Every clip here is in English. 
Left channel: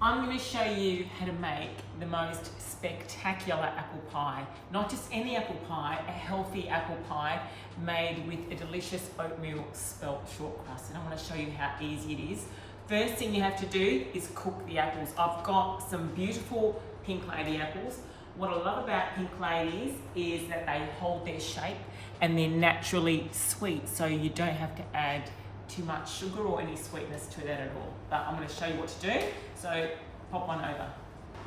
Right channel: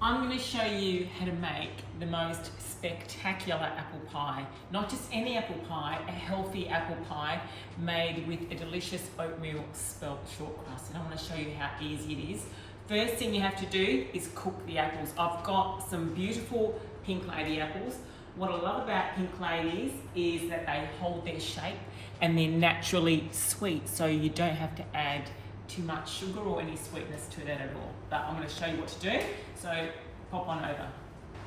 I'm going to show you how to make the most spectacular apple pie. Not just any apple pie, a healthy apple pie made with a delicious oatmeal spelt shortcrust. And I want to show you how easy it is. First thing you have to do is cook the apples. I've got some beautiful pink lady apples. What I love about pink ladies is that they hold their shape and they're naturally sweet, so you don't have to add too much sugar or any sweetness to that at all. But I'm going to show you what to do, so pop on over.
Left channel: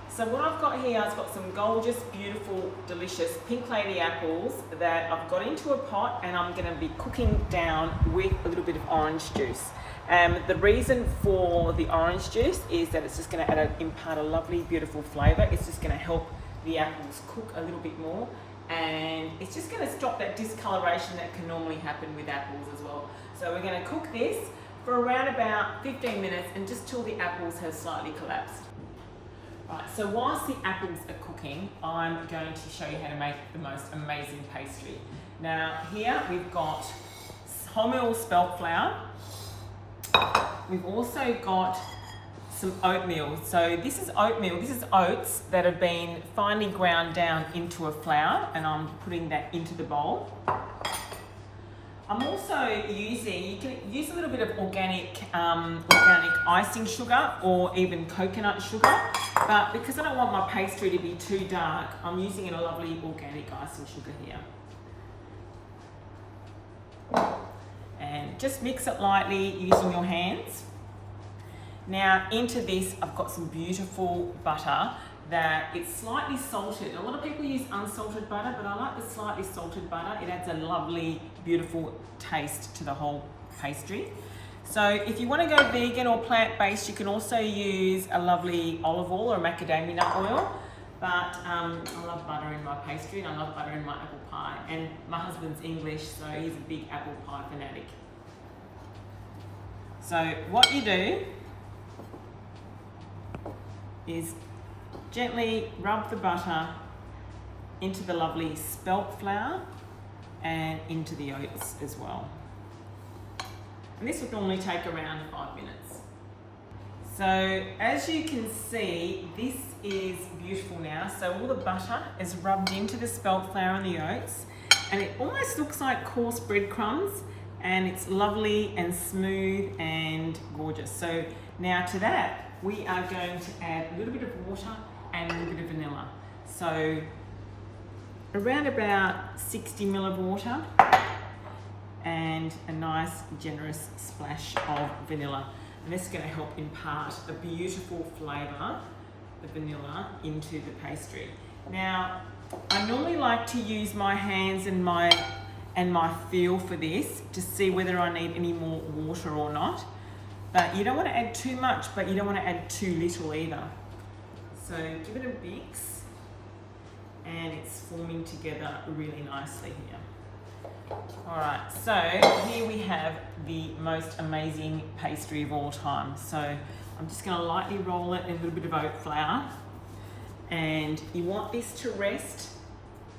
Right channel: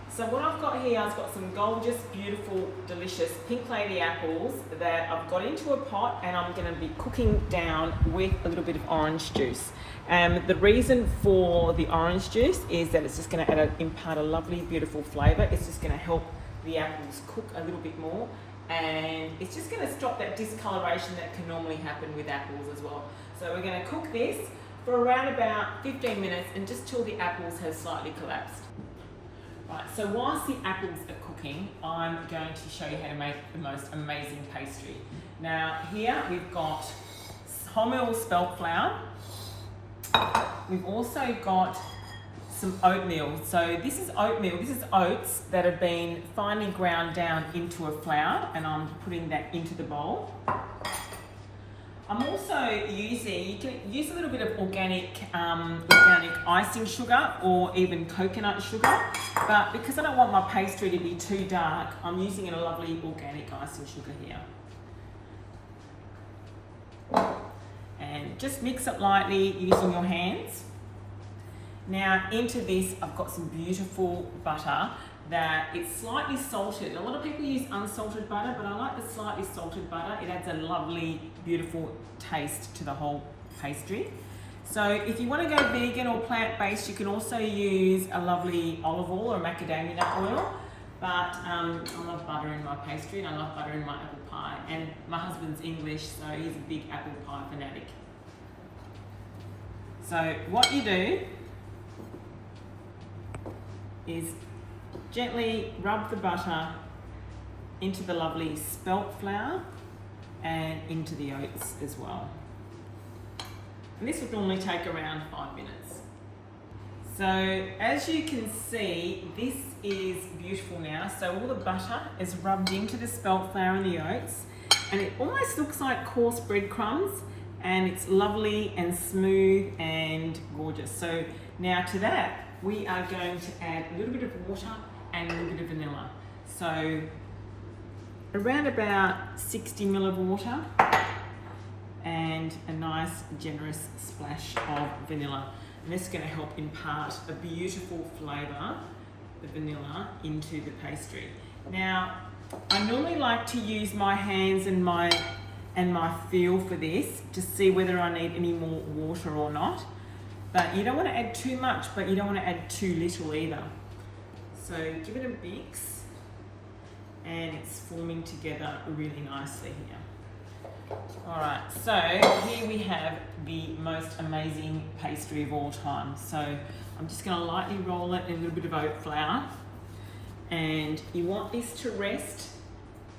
So what I've got here, I've got some gorgeous, beautiful, delicious pink lady apples that I've got into a pot, and I'm going to be cooking down with a little bit of orange juice. The reason for the orange juice is that it's just going to impart a lovely, beautiful flavour. It's just going to help the apples cook a little bit more, and it's just going to stop that discoloration that can normally happen with apples as well. So we're going to cook this for around about 15 minutes and just till the apples have slightly collapsed. Right, so whilst the apples are cooking, I'm going to show you how to make the most amazing pastry. Now here we've got wholemeal spelt flour. We've also got some oatmeal. So this is oatmeal, this is oats that have been finely ground down into a flour, and I'm putting that into the bowl. I'm also using, you can use a little bit of organic icing sugar or even coconut sugar, but because I don't want my pastry to be too dark, I'm using a lovely organic icing sugar here. And just mix it lightly using your hands. Now into this, I've got some beautiful butter that it's slightly salted. A lot of people use unsalted butter, but I like the slightly salted butter. It adds a lovely, beautiful taste to the whole pastry. So if you want to go vegan or plant-based, you can also use a lovely olive oil or macadamia nut oil. But I love butter in my pastry, and I love butter in my apple pie. And my husband's English, so he's a big apple pie fanatic. So what you do is gently rub the butter into the lovely spelt flour and into the oats as well. And this would normally take around 5 minutes. So as you can see, this is beautiful now. So all the butter is rubbed into the spelt flour and the oats, and it almost looks like coarse breadcrumbs, and it's lovely and smooth and gorgeous. So now to that, we are going to add a little bit of water and a little bit of vanilla. So around about 60 ml of water and a nice generous splash of vanilla. And this is going to help impart a beautiful flavour, the vanilla, into the pastry. Now, I normally like to use my hands and my feel for this to see whether I need any more water or not. But you don't want to add too much, but you don't want to add too little either. So give it a mix, and it's forming together really nicely here. All right, so here we have the most amazing pastry of all time. So I'm just going to lightly roll it in a little bit of oat flour, and you want this to rest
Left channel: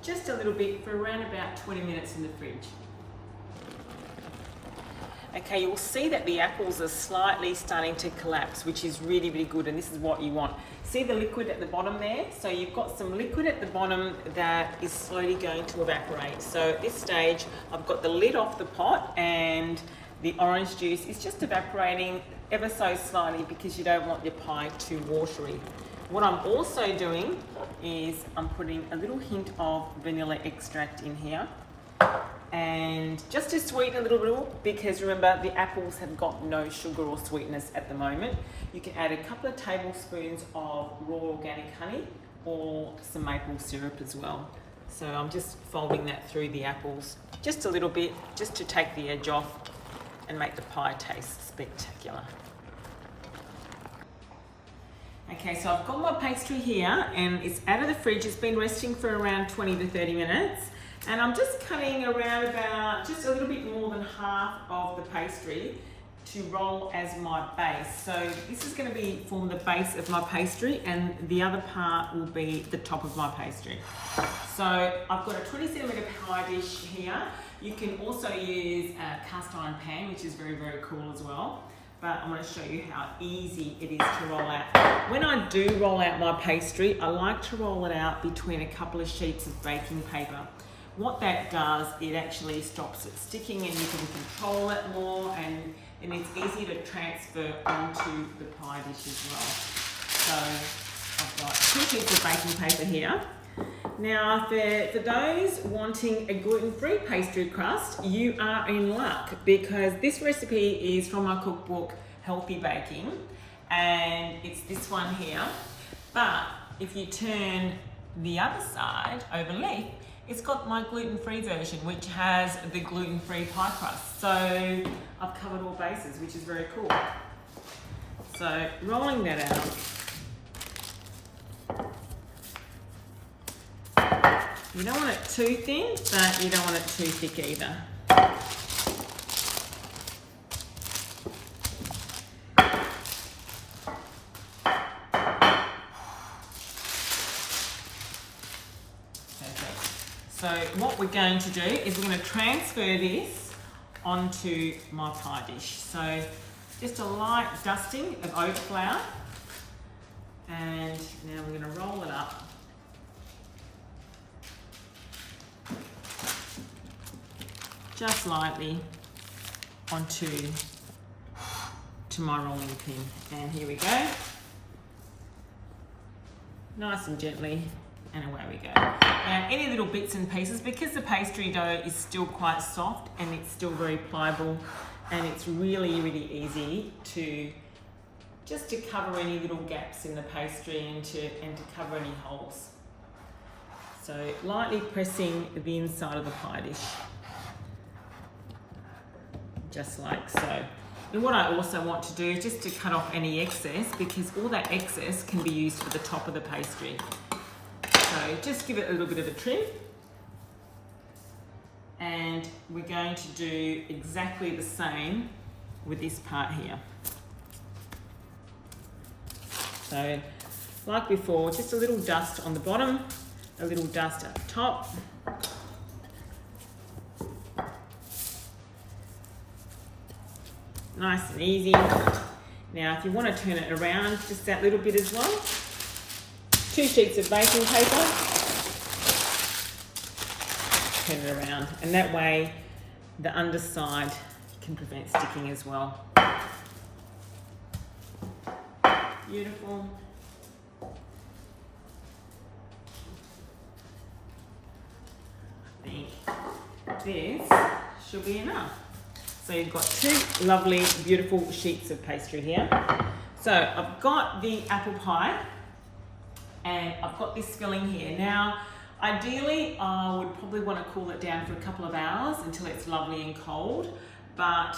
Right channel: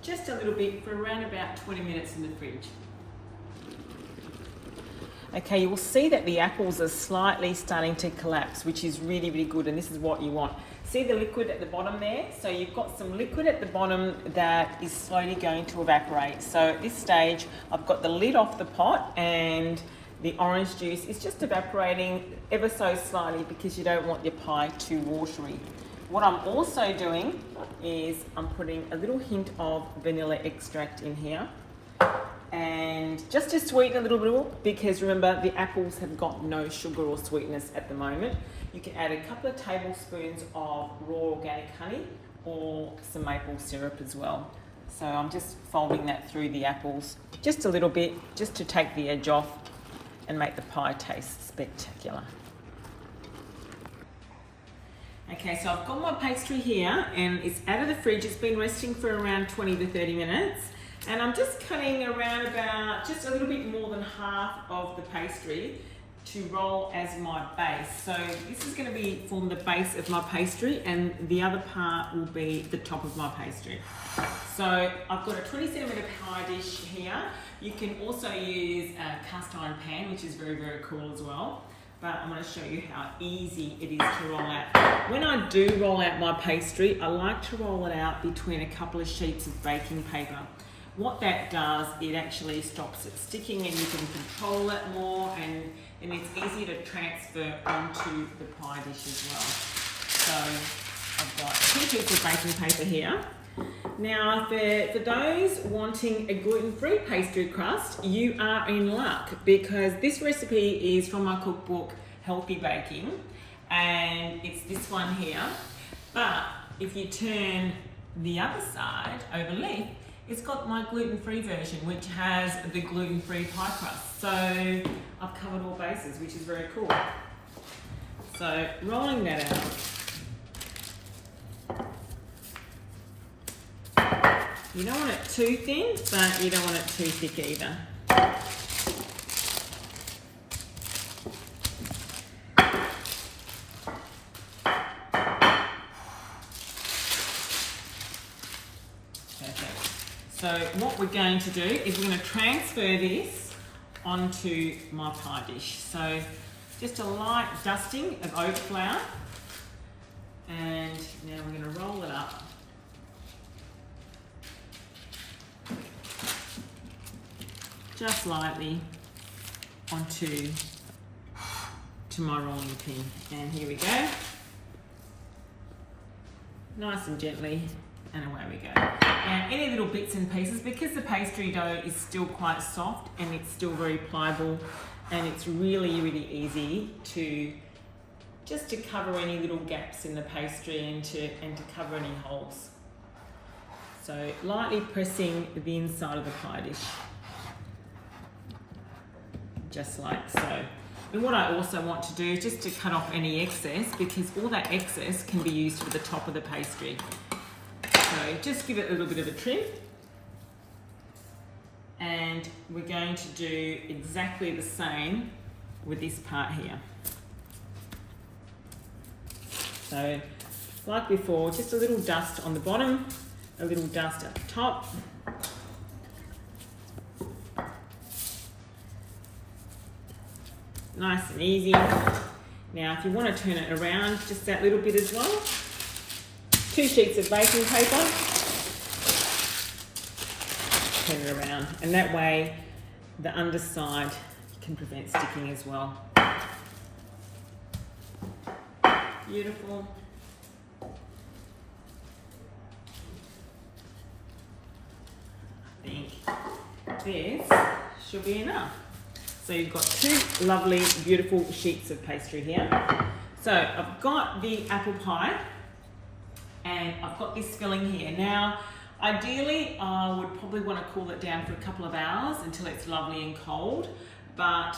just a little bit for around about 20 minutes in the fridge. Okay, you'll see that the apples are slightly starting to collapse, which is really, really good, and this is what you want. See the liquid at the bottom there? So you've got some liquid at the bottom that is slowly going to evaporate. So at this stage, I've got the lid off the pot, and the orange juice is just evaporating ever so slightly because you don't want your pie too watery. What I'm also doing is I'm putting a little hint of vanilla extract in here, and just to sweeten a little bit, because remember the apples have got no sugar or sweetness at the moment. You can add a couple of tablespoons of raw organic honey or some maple syrup as well. So I'm just folding that through the apples just a little bit, just to take the edge off and make the pie taste spectacular. Okay, so I've got my pastry here, and it's out of the fridge. It's been resting for around 20 to 30 minutes. And I'm just cutting around about just a little bit more than half of the pastry to roll as my base. So this is going to form the base of my pastry, and the other part will be the top of my pastry. So I've got a 20 centimetre pie dish here. You can also use a cast iron pan, which is very, very cool as well. but I'm going to show you how easy it is to roll out. When I do roll out my pastry, I like to roll it out between a couple of sheets of baking paper. What that does, it actually stops it sticking and you can control it more, and it's easy to transfer onto the pie dish as well. So I've got 2 sheets of baking paper here. Now, for those wanting a gluten-free pastry crust, you are in luck, because this recipe is from my cookbook, Healthy Baking, and it's this one here. But if you turn the other side over leaf, it's got my gluten-free version, which has the gluten-free pie crust. So I've covered all bases, which is very cool. So rolling that out. You don't want it too thin, but you don't want it too thick either. Perfect. So what we're going to do is we're going to transfer this onto my pie dish. So just a light dusting of oat flour, and now we're going to roll it up. Just lightly onto my rolling pin, and here we go. Nice and gently, and away we go. Now, any little bits and pieces, because the pastry dough is still quite soft and it's still very pliable, and it's really, really easy to just to cover any little gaps in the pastry and to cover any holes. So lightly pressing the inside of the pie dish. Just like so. And what I also want to do is just to cut off any excess, because all that excess can be used for the top of the pastry. So just give it a little bit of a trim. And we're going to do exactly the same with this part here. So like before, just a little dust on the bottom, a little dust at the top. Nice and easy. Now, if you want to turn it around just that little bit as well, 2 sheets of baking paper, turn it around, and that way the underside can prevent sticking as well. Beautiful. I think this should be enough. So you've got 2 lovely, beautiful sheets of pastry here. So I've got the apple pie, and I've got this filling here. Now, ideally, I would probably want to cool it down for a couple of hours until it's lovely and cold. But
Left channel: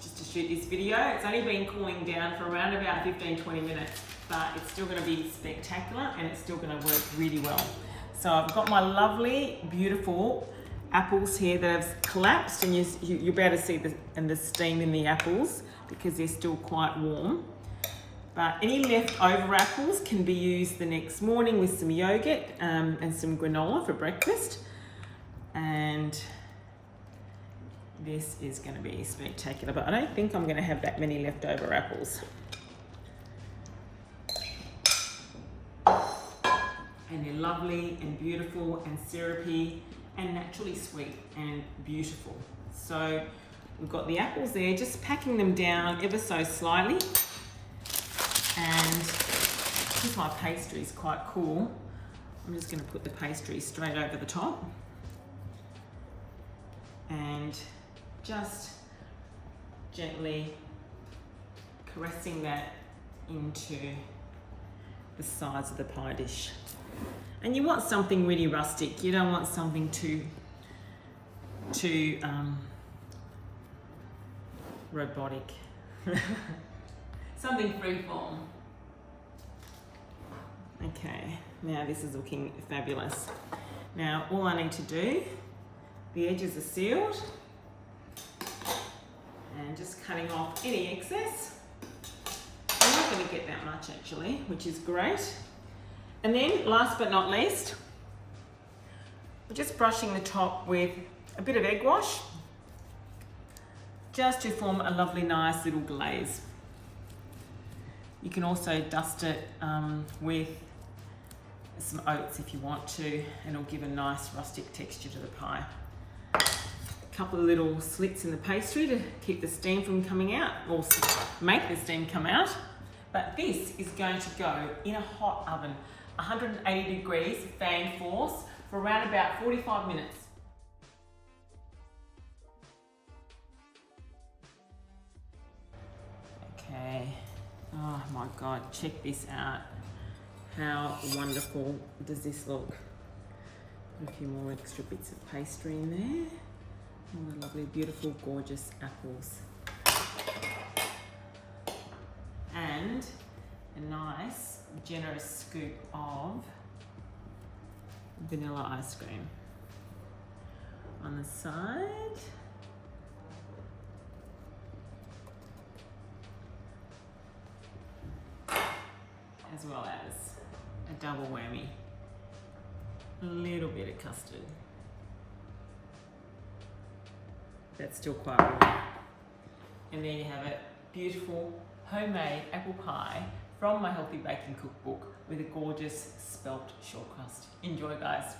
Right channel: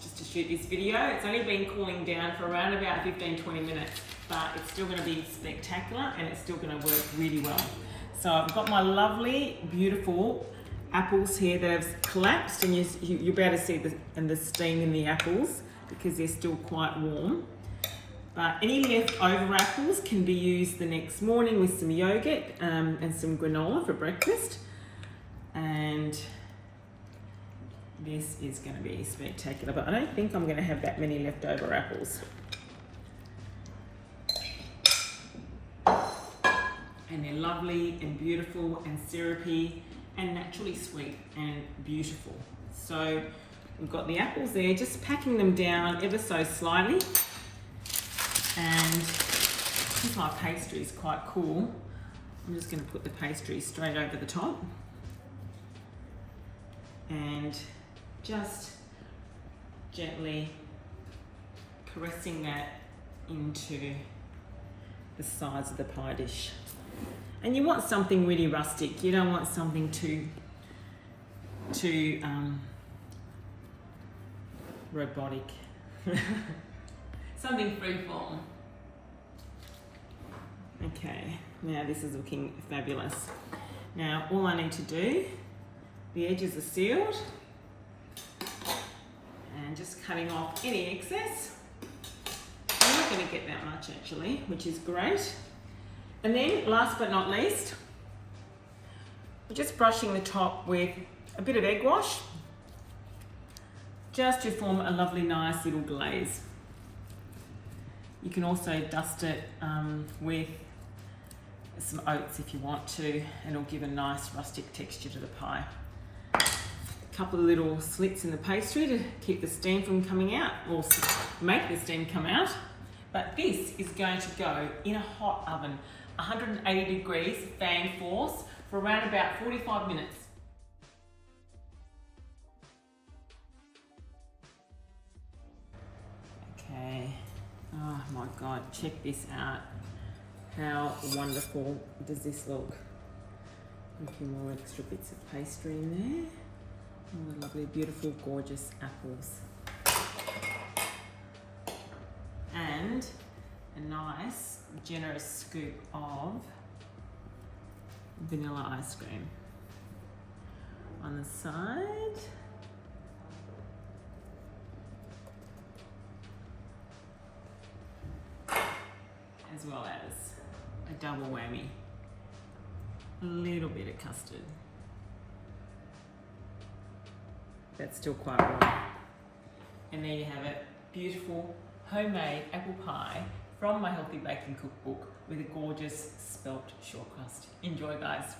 just to shoot this video, it's only been cooling down for around about 15-20 minutes, but it's still going to be spectacular, and it's still going to work really well. So I've got my lovely, beautiful apples here that have collapsed, and you'll be able to see the steam in the apples because they're still quite warm. But any leftover apples can be used the next morning with some yogurt and some granola for breakfast. And this is going to be spectacular, but I don't think I'm going to have that many leftover apples. And they're lovely and beautiful and syrupy and naturally sweet and beautiful. So we've got the apples there, just packing them down ever so slightly. And because my pastry is quite cool, I'm just going to put the pastry straight over the top and just gently caressing that into the sides of the pie dish. And you want something really rustic. You don't want something too robotic. Something freeform. Okay, now this is looking fabulous. Now all I need to do, the edges are sealed, and just cutting off any excess. I'm not going to get that much actually, which is great. And then last but not least, we're just brushing the top with a bit of egg wash, just to form a lovely, nice little glaze. You can also dust it with some oats if you want to, and it'll give a nice rustic texture to the pie. A couple of little slits in the pastry to keep the steam from coming out, or make the steam come out. But this is going to go in a hot oven, 180 degrees, fan force, for around about 45 minutes. Okay, oh my God, check this out. How wonderful does this look? A few more extra bits of pastry in there. All the lovely, beautiful, gorgeous apples. And a nice, generous scoop of vanilla ice cream on the side. As well as a double whammy, a little bit of custard. That's still quite warm. And there you have it, beautiful homemade apple pie from my Healthy Baking Cookbook with a gorgeous spelt short crust. Enjoy, guys.